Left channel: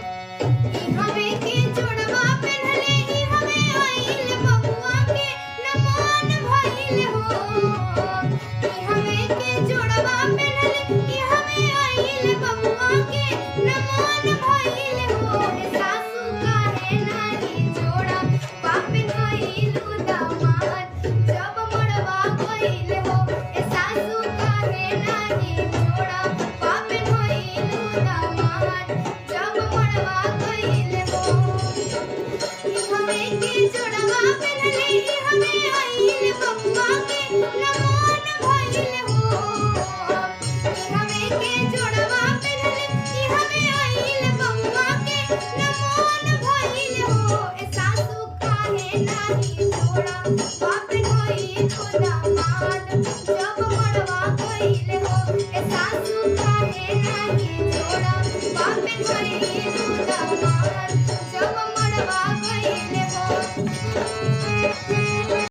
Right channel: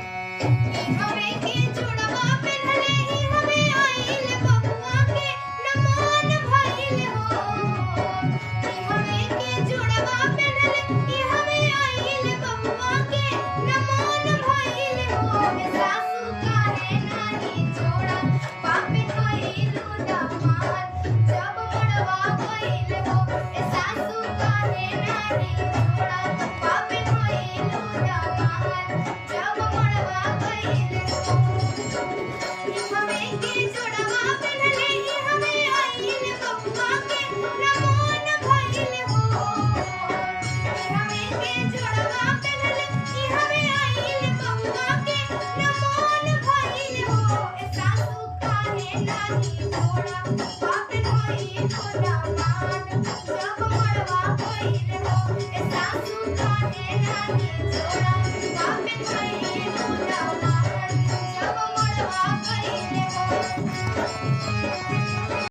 हवे के जोड़वा पहनले ही हवे आइल बबुआ के नमन भइल हो। हवे के जोड़वा पहनले ही हवे आइल बबुआ के नमन भइल हो। सासू काहे नाही जोड़ा पापिन होइल दामाद जब मोड़वा गइल हो। सासू काहे नाही जोड़ा पापिन होइल दामाद जब मोड़वा गइल हो। हवे के जोड़वा पहनले ही हवे आइल बबुआ के नमन भइल हो। हवे के जोड़वा पहनले ही हवे आइल बबुआ के नमन भइल हो। सासू काहे नाही जोड़ा पापिन होइल दामाद जब मोड़वा गइल हो। सासू काहे नाही जोड़ा पापिन होइल दामाद जब मोड़वा